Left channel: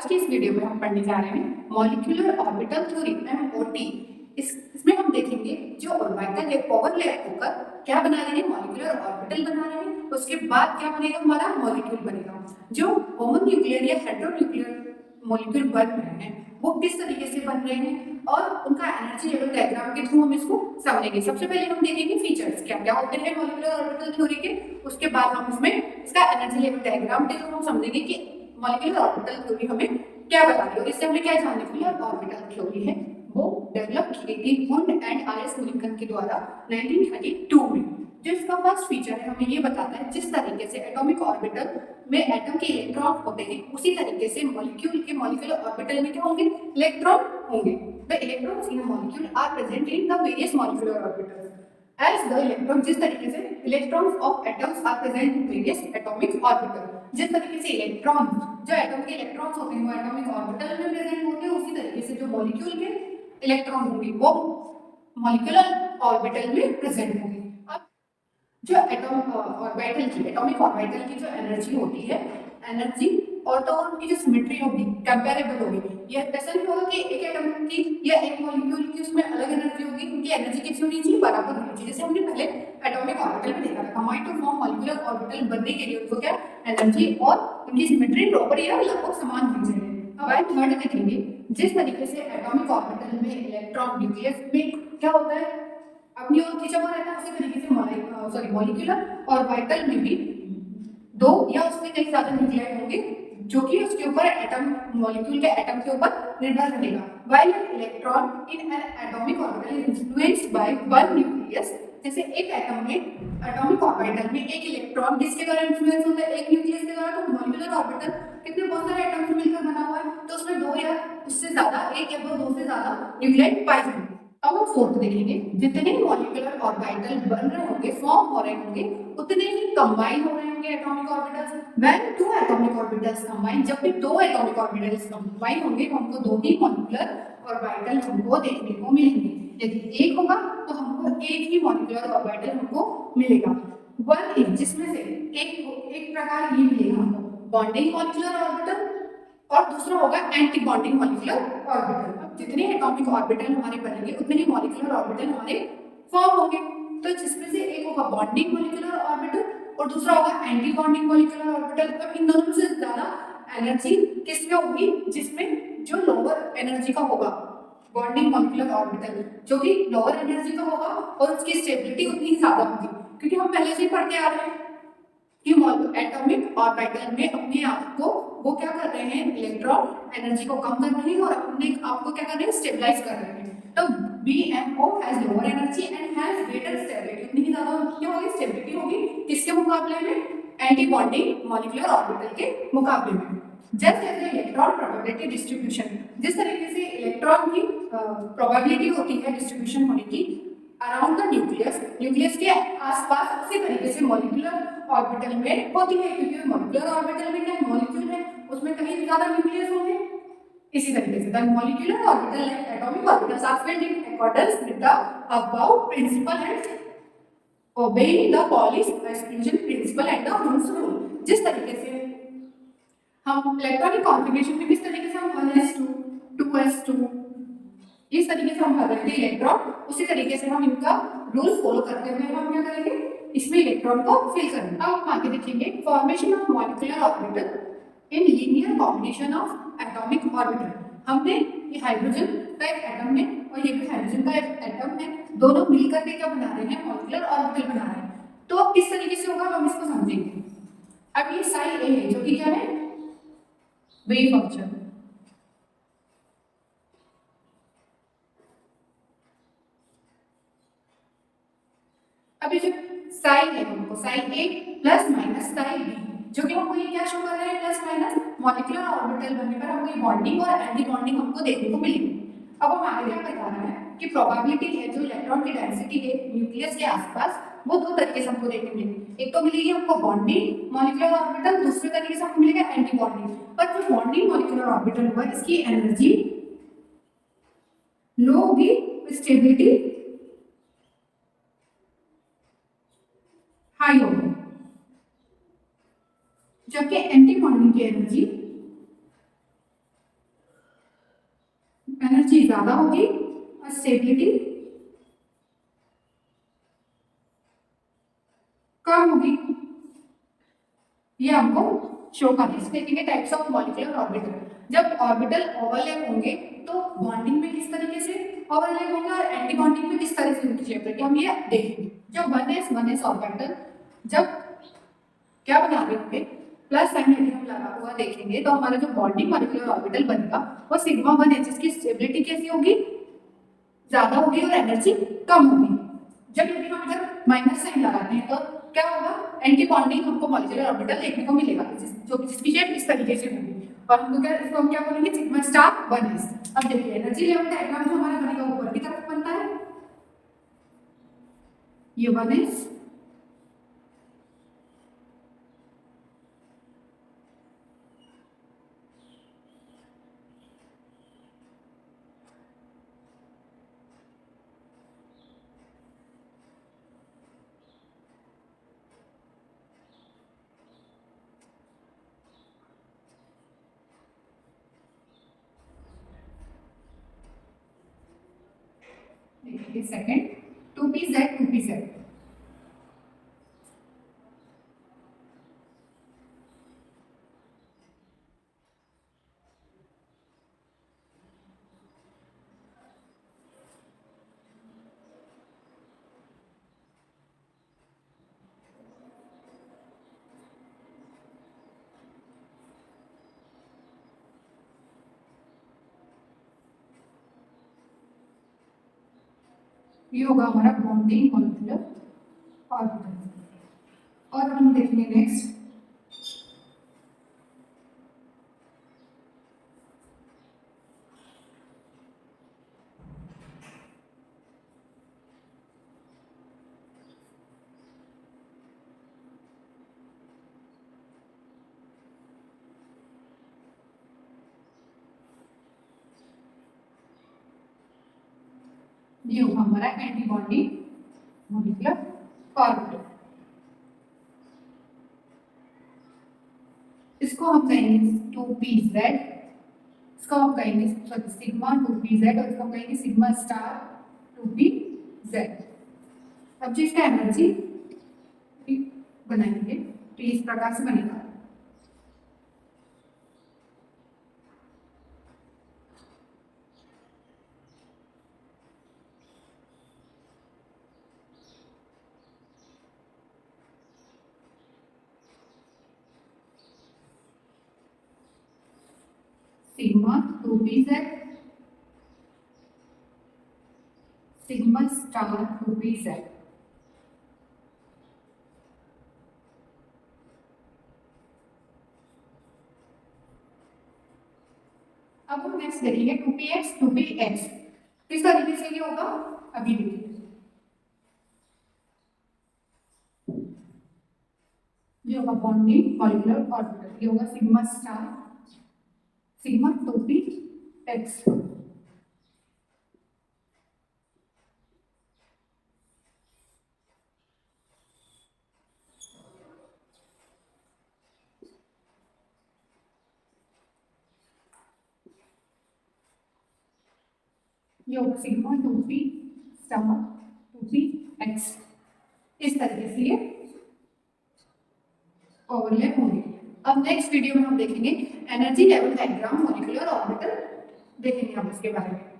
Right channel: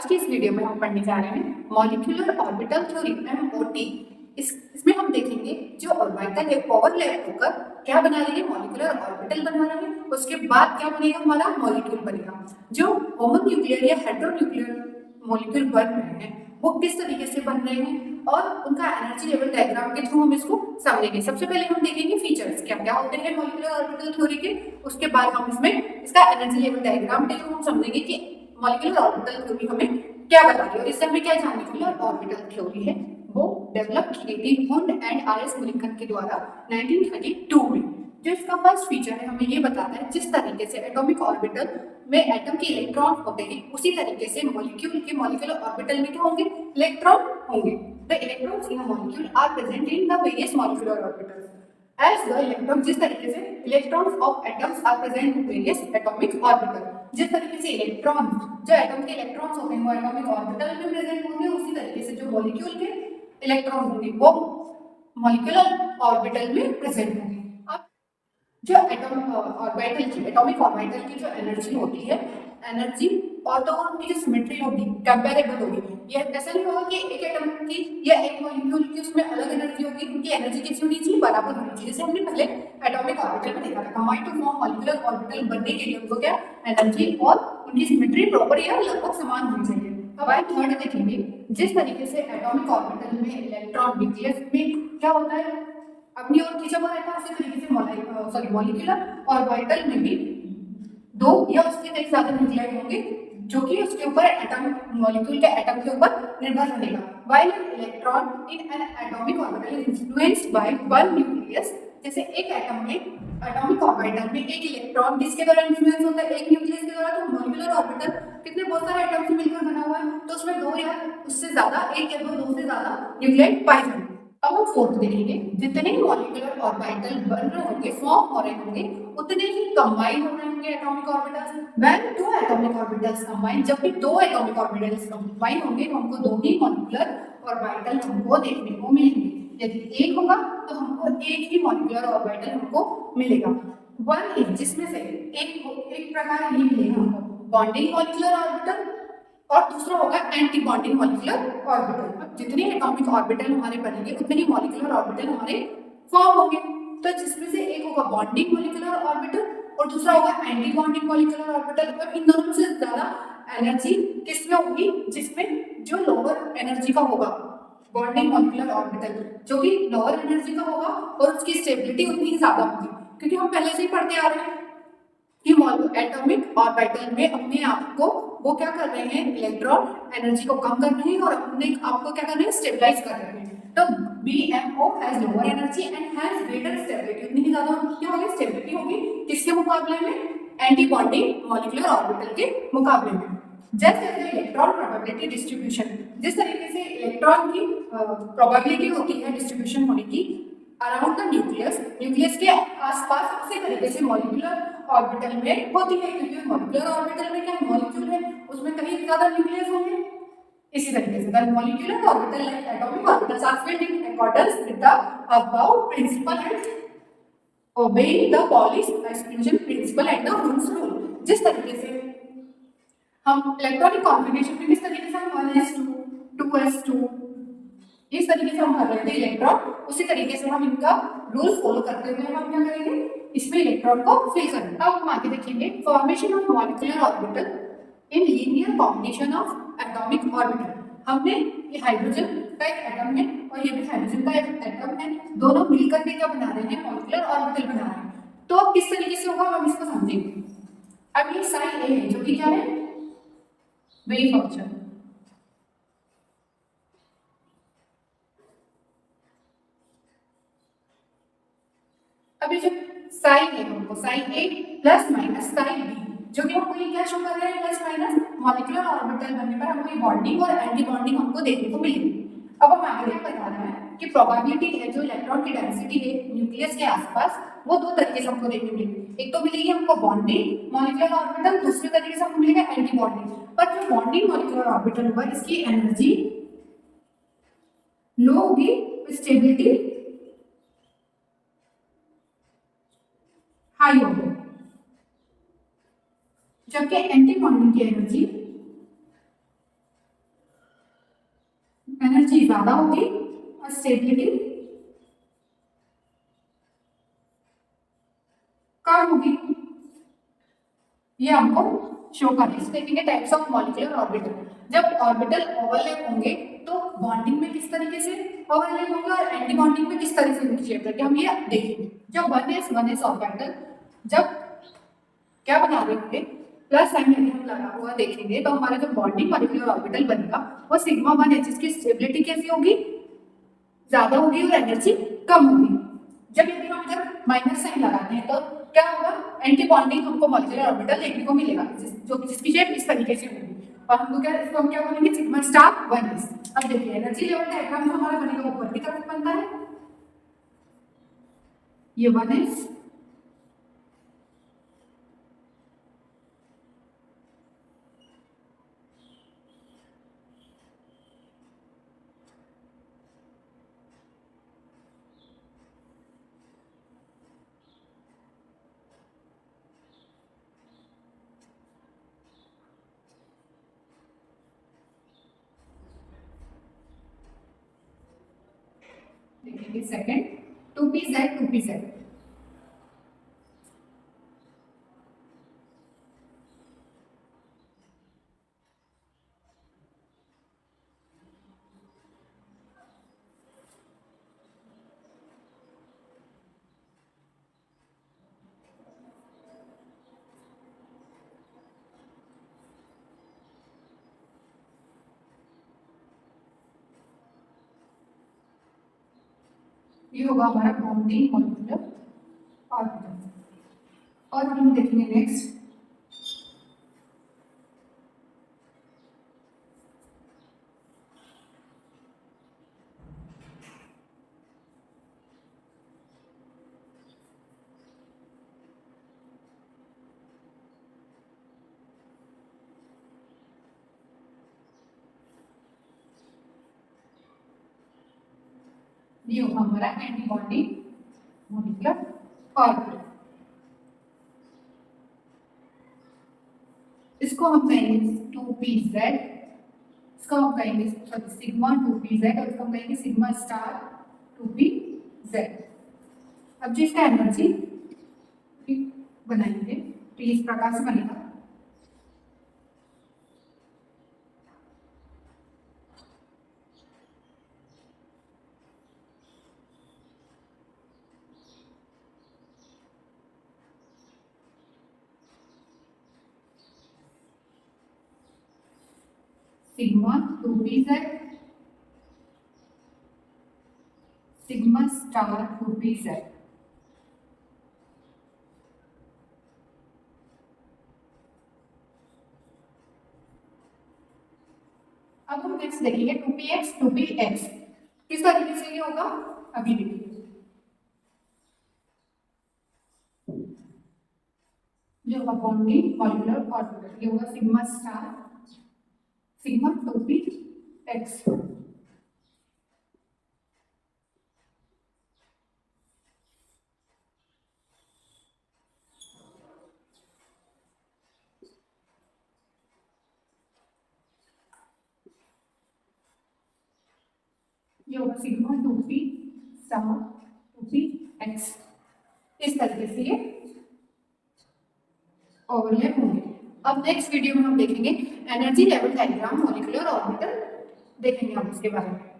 आज के इस वीडियो में हम पढ़ने जा रहे हैं मॉलिक्यूलर ऑर्बिटल थ्योरी (MOT). इसमें हम देखेंगे जो ऑर्बिटल है ओवरलैप होकर क्या बना रही है, मॉलिक्यूलर ऑर्बिटल बना रही है। उसके बाद क्या बनेगा, हमारा मॉलिक्यूल बनेगा। जो होमोन्यूक्लियर या हेटेरोन्यूक्लियर मॉलिक्यूल बन रहे हैं वो किस तरीके से बन रहे हैं और उनका एनर्जी लेवल डायग्राम के थ्रू हम इसको समझेंगे। सबसे पहले हम देखेंगे फीचर्स क्या क्या होते हैं मॉलिक्यूलर ऑर्बिटल थ्योरी के। उसके बाद हम इसमें इसका एनर्जी लेवल डायग्राम के थ्रू हम समझेंगे कि मॉलिक्यूलर ऑर्बिटल थ्योरी हमें क्या बताती है और इससे हमें क्या जानने के लिए ऑर्बिटल थ्योरी है वो डेवलप की गई थी हुंड एंड आर.एस. मुलिकन के द्वारा 1932 में। जो इसका फर्स्ट फीचर है हमें ये बताता है जिस तरीके से एटॉमिक ऑर्बिटल में एटम के इलेक्ट्रॉन होते हैं उसी तरीके से मॉलिक्यूल के मॉलिक्यूलर ऑर्बिटल में क्या होंगे, इलेक्ट्रॉन होंगे। The electrons in a molecule are present in the various molecular orbitals as the electron, जिस तरीके से electrons of atoms are present in various atomic orbital, जिस तरीके से इलेक्ट्रॉन जो एटम के इलेक्ट्रॉन्स होते हैं वो एटॉमिक ऑर्बिटल में प्रेजेंट होंगे उसी तरीके से जो मॉलिक्यूल के इलेक्ट्रॉन होंगे वो मॉलिक्यूलर ऑर्बिटल में प्रेजेंट होंगे। अब जो एटॉमिक ऑर्बिटल की जो एनर्जी होती है, एनर्जी ऑर्टोगोनल की जो सिमेट्री होगी कंपैरेबल होगी। ये ऐसा नहीं होगा कि एक एटम की या एक मॉलिक्यूल की उसमें अलग एनर्जी होगी, उनकी एनर्जी कितनी होनी चाहिए, बराबर होनी चाहिए। जैसे हमने पहले एटॉमिक ऑर्बिटल में देखा था, combined to form molecular orbital बनने के लिए उनको क्या एनर्जी और उनकी सिमेट्री प्रॉपर या लगभग समान होनी चाहिए। अब आइए थर्ड देखेंगे, जिस तरीके से एटॉमिक ऑर्बिटल में इलेक्ट्रॉन न्यूक्लियस में क्या होता है अपनी ओर खींचा हुआ रहता है, उसी तरीके से मॉलिक्यूलर ऑर्बिटल में भी दो या उससे कई ज्यादा न्यूक्लियाइड होंगे जो कि उसके ऊपर एटम मॉलिक्यूल के एटम के ऊपर निर्भर रहेगा। While electron in an atomic orbital is influenced by one nucleus, जैसे एक एटम में एटॉमिक ऑर्बिटल में एक इलेक्ट्रॉन किसके द्वारा इन्फ्लुएंस होता है, एक न्यूक्लियस के द्वारा। तो मॉलिक्यूलर ऑर्बिटल कितने बहुत सारे एटम से मिलकर बना हुआ है तो उसमें दो या उससे ज्यादा, एक या दो से ज्यादा न्यूक्लियाइड पाए जाएंगे। अब हम फोर्थ देखेंगे, जितने मॉलिक्यूलर ऑर्बिटल बन रहे होंगे, फॉर्म हो रहे होंगे, उतने ही कंबाइन हो रहे होंगे atomic orbitals. When two atomic orbitals combine, जब भी दो एटॉमिक ऑर्बिटल्स कंबाइन होंगे तो हमको दो ही मॉलिक्यूलर ऑर्बिटल हमको देखने को मिलेंगे। यदि एक होगा तो हमको एक ही मॉलिक्यूलर ऑर्बिटल हमको मिलेगा। वन इज जिसमें से एक प्रकार ये मिलेगा हमको बॉन्डिंग मॉलिक्यूलर ऑर्बिटल और दूसरा होगा एंटी बॉन्डिंग मॉलिक्यूलर ऑर्बिटल। अब जितने एटॉमिक ऑर्बिटल हमारे बनेंगे उतने ही मॉलिक्यूलर ऑर्बिटल हमारे फॉर्म होंगे। तो जिसमें से एक होगा बॉन्डिंग मॉलिक्यूलर ऑर्बिटल और दूसरा होगा एंटी बॉन्डिंग मॉलिक्यूलर ऑर्बिटल। अब इन दोनों से ज्यादा एनर्जी किसमें होगी, जिसमें जो लोअर एनर्जी का होगा बॉन्डिंग मॉलिक्यूलर ऑर्बिटल, जो भी लोअर एनर्जी का होगा और उसकी स्टेबिलिटी उतनी ही ज्यादा होगी। क्योंकि हम पहले से ही पढ़ते आ रहे हैं कि एटॉमिक ऑर्बिटल में अपने आप को वो क्या कर रहे हैं, इलेक्ट्रॉन एनर्जी को कम कर रहे हैं और अपने आप को क्या कर रहे हैं, स्टेबलाइज कर रहे हैं। तो BMO has lower energy and has greater stability, उतनी ही ज्यादा क्या होगी, स्टेबिलिटी होगी किसके मुकाबले में, एंटी बॉन्डिंग मॉलिक्यूलर ऑर्बिटल के मुकाबले में। Just as electron probability distribution, जिस तरीके से इलेक्ट्रॉन की प्रोबेबिलिटी होती है डिस्ट्रीब्यूशन होने की अराउंड द न्यूक्लियस के आसपास, उसी तरीके से मॉलिक्यूलर ऑर्बिटल में होती है। क्योंकि मॉलिक्यूलर ऑर्बिटल में क्या मॉलिक्यूल है उसमें कहीं ज्यादा न्यूक्लियस होंगे। इसी तरीके से the molecular orbital like atomic orbitals are filled in accordance with the aufbau principle and obeying the Pauli's exclusion principle and the Hund's rule. जिस तरीके से हम इलेक्ट्रॉनिक कॉन्फिगरेशन में किस तरीके से हम 1s2 2s2 इस तरीके से हम भर लेते हैं इलेक्ट्रॉन, उसी तरीके से हम इनका रूल फॉलो करते हुए हम क्या करेंगे, इसमें इलेक्ट्रॉन को फिल करेंगे। अब हम आगे देखेंगे formation of molecular orbital in linear combination of atomic orbital. हमने ये हाइड्रोजन का एक एटम है और ये भी हाइड्रोजन का एक एटम है, दोनों मिलकर के क्या बना रहे हैं, मॉलिक्यूलर ऑर्बिटल बना रहे हैं। तो अब किस तरीके से होगा हम इसको समझेंगे। अब ये साई ए है जो कि क्या है, वेव फंक्शन। अब ये जो साई है हमको साई ए प्लस माइनस साई बी, जो कि हमको ये क्या शो कर रहे हैं, प्लस माइनस मॉलिक्यूलर ऑर्बिटल बनने पर हमको ये बॉन्डिंग और एंटी बॉन्डिंग हमको देखने को मिलेगी। अब हम आगे बता रहे हैं कि प्रोबेबिलिटी है जो इलेक्ट्रॉन की डेंसिटी है न्यूक्लियस के आसपास वो दो तरीके से हमको देखने मिलेगी। एक तो मिलेगी हमको बॉन्डिंग मॉलिक्यूलर ऑर्बिटल, दूसरे तरीके से हमको मिलेगा एंटी बॉन्डिंग। पर जो बॉन्डिंग मॉलिक्यूलर ऑर्बिटल होगा इसकी एनर्जी लो होगी, स्टेबिलिटी हाई होगी, जबकि एंटी बॉन्डिंग की एनर्जी एनर्जी ज्यादा होगी और स्टेबिलिटी कम होगी। ये हमको शो करना है। देखेंगे टाइप्स ऑफ मॉलिक्यूलर ऑर्बिटल। जब ऑर्बिटल ओवरलैप होंगे तो बॉन्डिंग में किस तरीके से ओवरलैप होंगे और एंटी बॉन्डिंग में किस तरह से उनकी शेप रहती है, हम ये देखेंगे। जब 1s ऑर्बिटल जब क्या बना रहे होंगे प्लस साइन यदि हम लगा हुआ देखेंगे तो हमारा जो बॉन्डिंग मॉलिक्यूलर ऑर्बिटल बनेगा वो सिग्मा 1s, जिसकी स्टेबिलिटी कैसी होगी, ज्यादा होगी और एनर्जी कम होगी। जब यदि हम इधर माइनस साइन लगाते हैं तो क्या होगा, एंटी बॉन्डिंग हमको मॉलिक्यूलर ऑर्बिटल देखने को मिलेगा जो जिसकी शेप इस तरीके से होगी और हमको क्या, इसको हम क्या बोलेंगे, सिग्मा स्टार 1s। अब देखिए एनर्जी लेवल डायग्राम जो हमारा बनेगा ऊपर की तरफ बनता है, ये 1s देखिए सेकंड 2pz ये होगा हमारा बॉन्डिंग मॉलिक्यूलर ऑर्बिटल। और हम देखेंगे नेक्स्ट ये होगा हमारा एंटी बॉन्डिंग मॉलिक्यूलर ऑर्बिटल। इसको हम कहेंगे 2pz, इसको हम कहेंगे सिग्मा 2pz और इसको हम कहेंगे सिग्मा स्टार 2pz। अब जो इसका एनर्जी बनाएंगे तो इस प्रकार से बनेगा, sigma 2pz sigma star 2pz। अब हम नेक्स्ट देखेंगे 2px 2px किस तरीके से ये होगा, अभी देखिए ये होगा बॉन्डिंग मॉलिक्यूलर ऑर्बिटल, ये होगा सिग्मा स्टार सिग्मा 2px। ये होगा सिग्मा 2p स्टार 2px। इस तरीके से ये ओवरलैप होंगे। अब नेक्स्ट वीडियो में हम देखेंगे energy level diagram molecular orbital, देखेंगे हम इसके बारे में।